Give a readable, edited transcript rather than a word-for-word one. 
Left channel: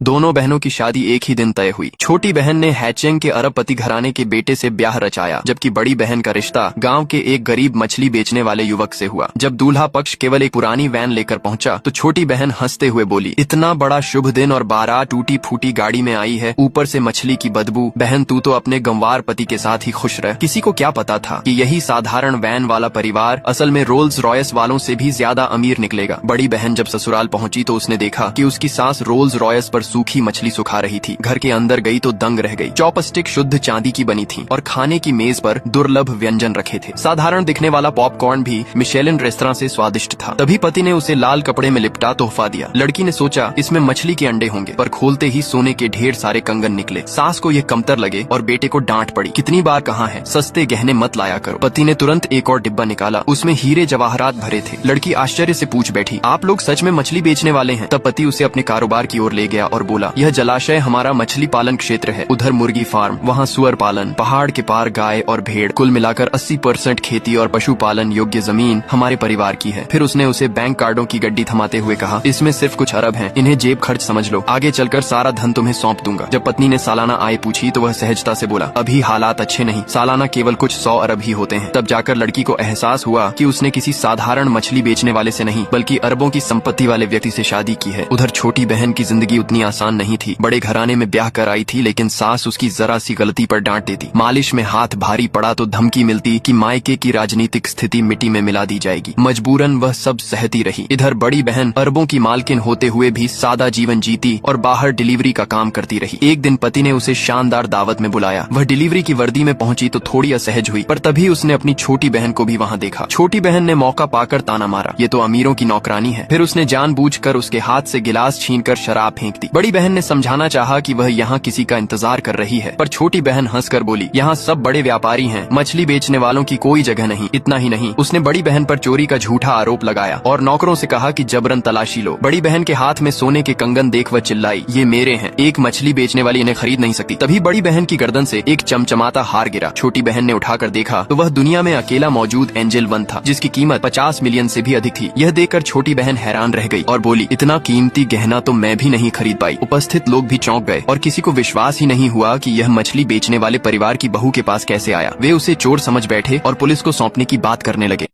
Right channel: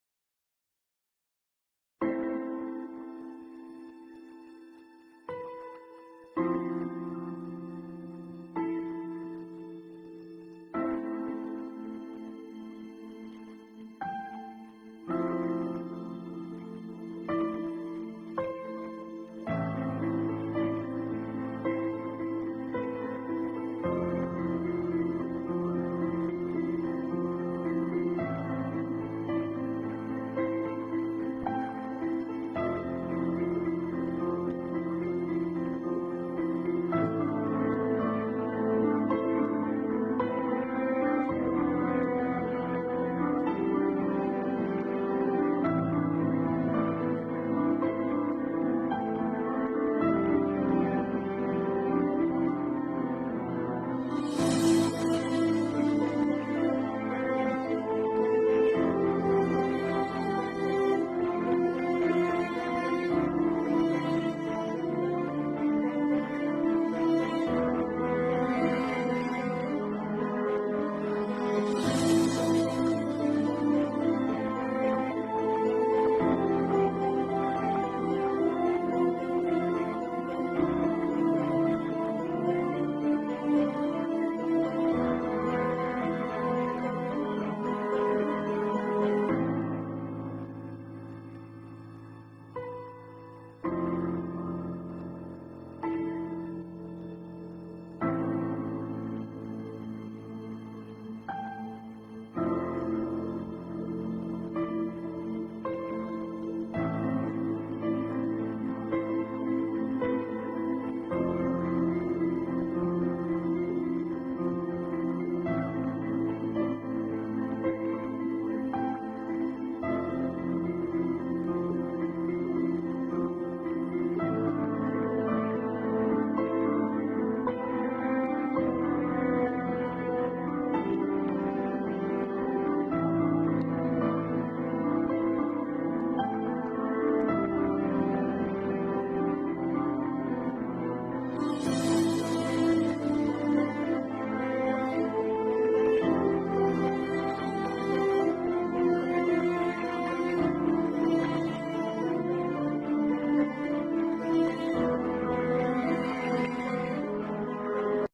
दोनों बहनों की शादी एक ही दिन तय हुई। छोटी बहन ने हैचेंग के अरबपति घराने के बेटे से ब्याह रचाया, जबकि बड़ी बहन का रिश्ता गांव के एक गरीब मछली बेचने वाले युवक से हुआ। जब दूल्हा पक्ष केवल एक पुरानी वैन लेकर पहुंचा तो छोटी बहन हंसते हुए बोली, इतना बड़ा शुभ दिन और बारात टूटी फूटी गाड़ी में आई है, ऊपर से मछली की बदबू। बहन तू तो अपने गंवार पति के साथ ही खुश रह। किसी को क्या पता था कि यही साधारण वैन वाला परिवार असल में रोल्स रॉयस वालों से भी ज्यादा अमीर निकलेगा। बड़ी बहन जब ससुराल पहुंची तो उसने देखा कि उसकी सास रोल्स रॉयस पर सूखी मछली सुखा रही थी। घर के अंदर गई तो दंग रह गई। चॉपस्टिक शुद्ध चांदी की बनी थी और खाने की मेज पर दुर्लभ व्यंजन रखे थे। साधारण दिखने वाला पॉपकॉर्न भी मिशेलिन रेस्तरां से स्वादिष्ट था। तभी पति ने उसे लाल कपड़े में लिपटा तोहफा दिया। लड़की ने सोचा इसमें मछली के अंडे होंगे, पर खोलते ही सोने के ढेर सारे कंगन निकले। सास को ये कमतर लगे और बेटे को डांट पड़ी, कितनी बार कहा है सस्ते गहने मत लाया करो। पति ने तुरंत एक और डिब्बा निकाला, उसमें हीरे जवाहरात भरे थे। लड़की आश्चर्य से पूछ बैठी, आप लोग सच में मछली बेचने वाले हैं? तब पति उसे अपने कारोबार की ओर ले गया और बोला, यह जलाशय हमारा मछली पालन क्षेत्र है, उधर मुर्गी फार्म, वहाँ सुअर पालन, पहाड़ के पार गाय और भेड़, कुल मिलाकर 80% खेती और पशुपालन योग्य जमीन हमारे परिवार की है। फिर उसने उसे बैंक कार्डों की गड्डी थमाते हुए कहा, इसमें सिर्फ कुछ अरब हैं, इन्हें जेब खर्च समझ लो, आगे चलकर सारा धन तुम्हें सौंप दूंगा। जब पत्नी ने सालाना आय पूछी तो वह सहजता से बोला, अभी हालात अच्छे नहीं, सालाना केवल कुछ 100 अरब ही होते हैं। तब जाकर लड़की को एहसास हुआ कि उसने किसी साधारण मछली बेचने वाले से नहीं बल्कि अरबों की संपत्ति वाले व्यक्ति से शादी की है। उधर छोटी बहन की जिंदगी उतनी आसान नहीं थी। बड़े घराने में ब्याह कर आई थी, लेकिन सास उसकी जरा सी गलती पर डांट देती। मालिश में हाथ भारी पड़ा तो धमकी मिलती कि मायके की राजनीतिक स्थिति मिट्टी में मिला दी जाएगी। मजबूरन वह सब सहती रही। इधर बड़ी बहन अरबों की मालकिन होते हुए भी सादा जीवन जीती और बाहर डिलीवरी का काम करती रही। एक दिन पति ने उसे शानदार दावत में बुलाया। वह डिलीवरी की वर्दी में पहुंची तो थोड़ी असहज हुई, पर तभी उसने अपनी छोटी बहन को भी वहां देखा। छोटी बहन ने मौका पाकर ताना मारा, ये तो अमीरों की नौकरानी है। फिर उसने जानबूझकर उसके हाथ से गिलास छीनकर शराब फेंक दी। बड़ी बहन ने समझाना चाहा कि वह यहाँ किसी का इंतजार कर रही है, पर छोटी बहन हंसकर बोली, यहाँ सब बड़े व्यापारी हैं, मछली बेचने वालों की कोई जगह नहीं। इतना ही नहीं, उसने बड़ी बहन पर चोरी का झूठा आरोप लगाया और नौकरों से कहा कि जबरन तलाशी लो। बड़ी बहन के हाथ में सोने के कंगन देख वह चिल्लाई, ये मेरे हैं, एक मछली बेचने वाली इन्हें खरीद नहीं सकती। तभी बड़ी बहन की गर्दन से एक चमचमाता हार गिरा। छोटी बहन ने उठाकर देखा तो वह दुनिया में अकेला मौजूद एंजल वन था, जिसकी कीमत 50 मिलियन से भी अधिक थी। यह देखकर छोटी बहन हैरान रह गई और बोली, इतना कीमती गहना तो मैं भी नहीं खरीद पाई। उपस्थित लोग भी चौंक गए और किसी को विश्वास ही नहीं हुआ कि यह मछली बेचने वाले परिवार की बहू के पास कैसे आया। वे उसे चोर समझ बैठे और पुलिस को सौंपने की बात करने लगे।